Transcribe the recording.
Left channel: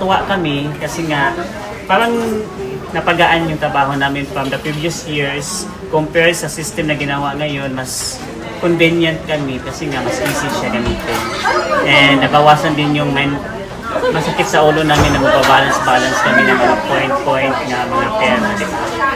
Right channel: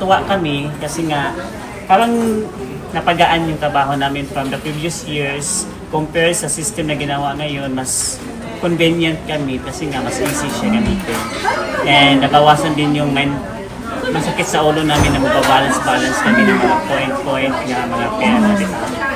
natuwa kami kasi nga parang napagaan yung trabaho namin from the previous years compare sa system na ginawa ngayon. Mas convenient kami kasi nga mas easy siya gamitin. And nabawasan din yung masakit sa ulo namin na magbabalance-balance kami ng mga point-point na mga pera, di ba?